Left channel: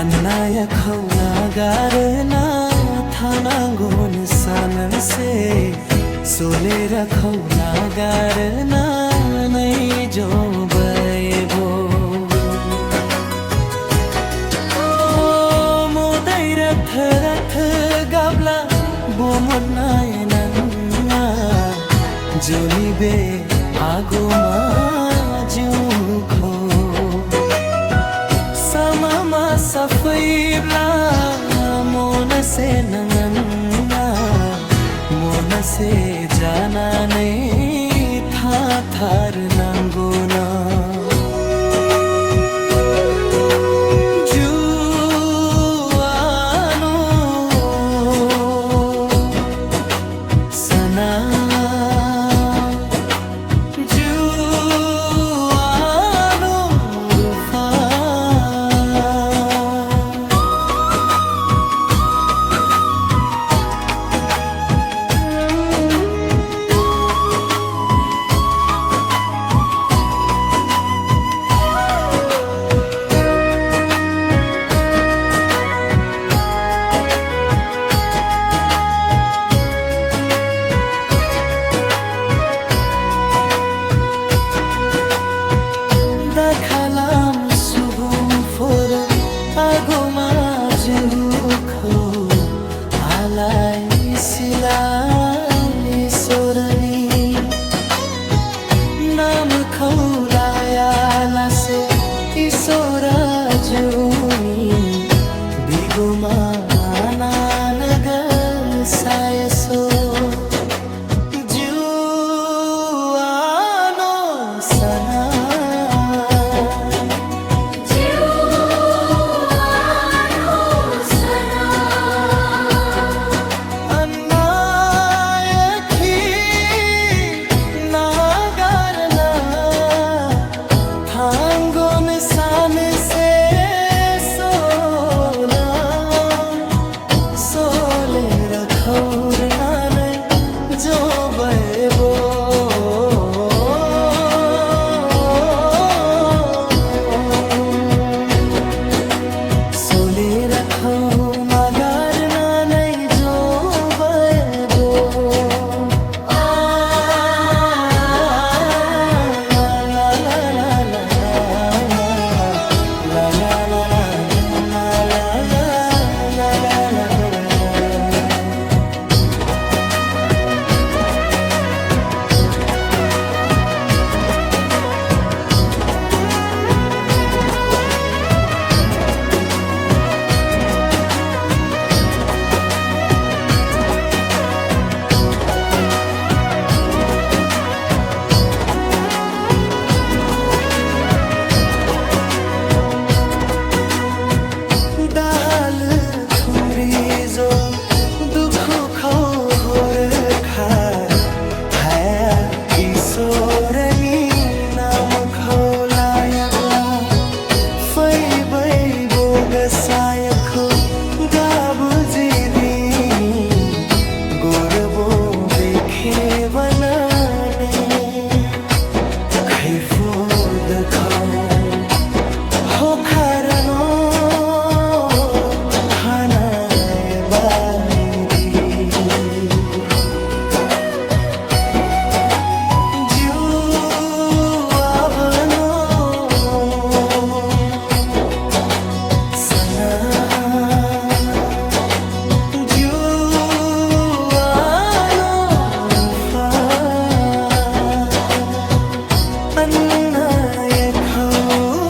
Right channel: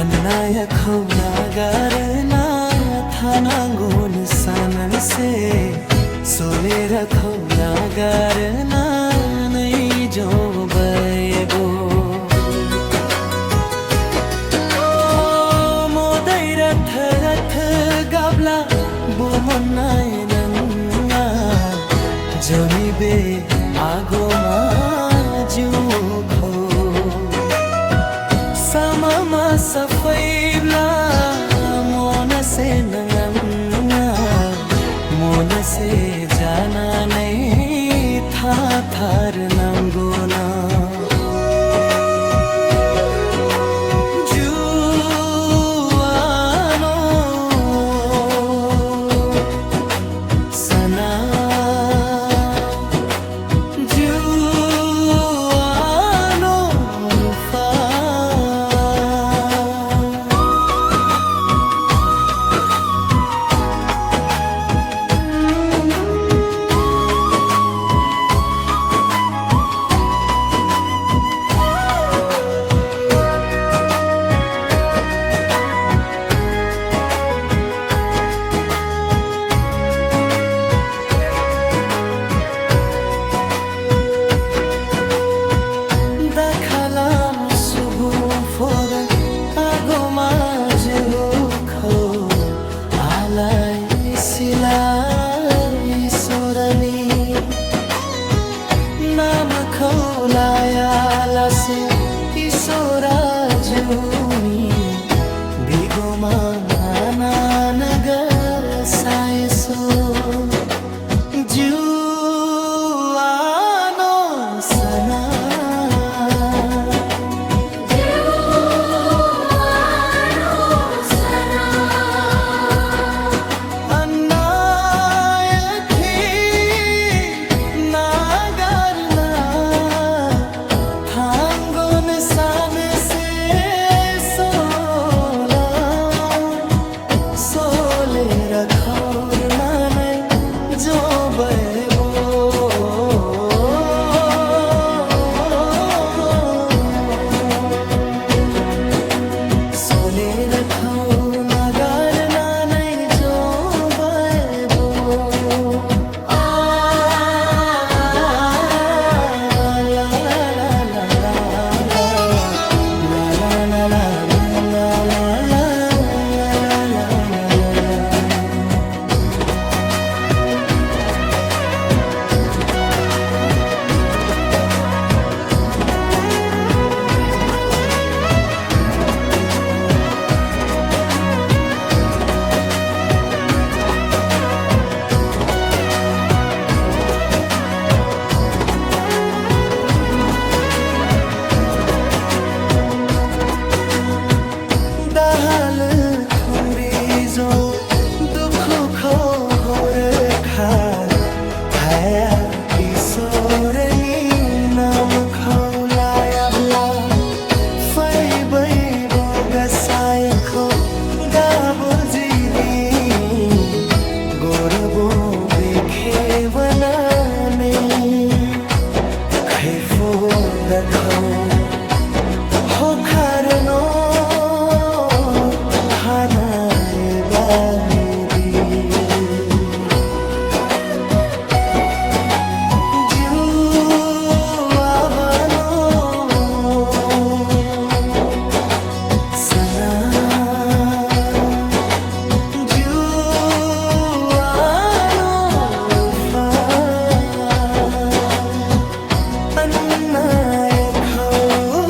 Anaya khawna garna thanangon sanse solera khawna garna nai jo baibo modai rath rath gabla bomonai nanna joni be agoma ju kho Samama safaibla mona se nanganga mona se jana nahi tha thar nangona juano sana Dakhalam subum for agoma jukho alai silai sorani nam kholaya lase isora juni bigoma ananaga sayaso juano sana Thangon san se sola sole rakhaur nanai jo baibo sole rakhaur nagar nanai jo baibo Dal thumri jo dukh kho hor khar haya isorani nam kholaya bla fai bai bogasay kho gabu jidini gorbo bekhe banane khaifo dakho ho kharno hanae baidi ju ना ये खाओ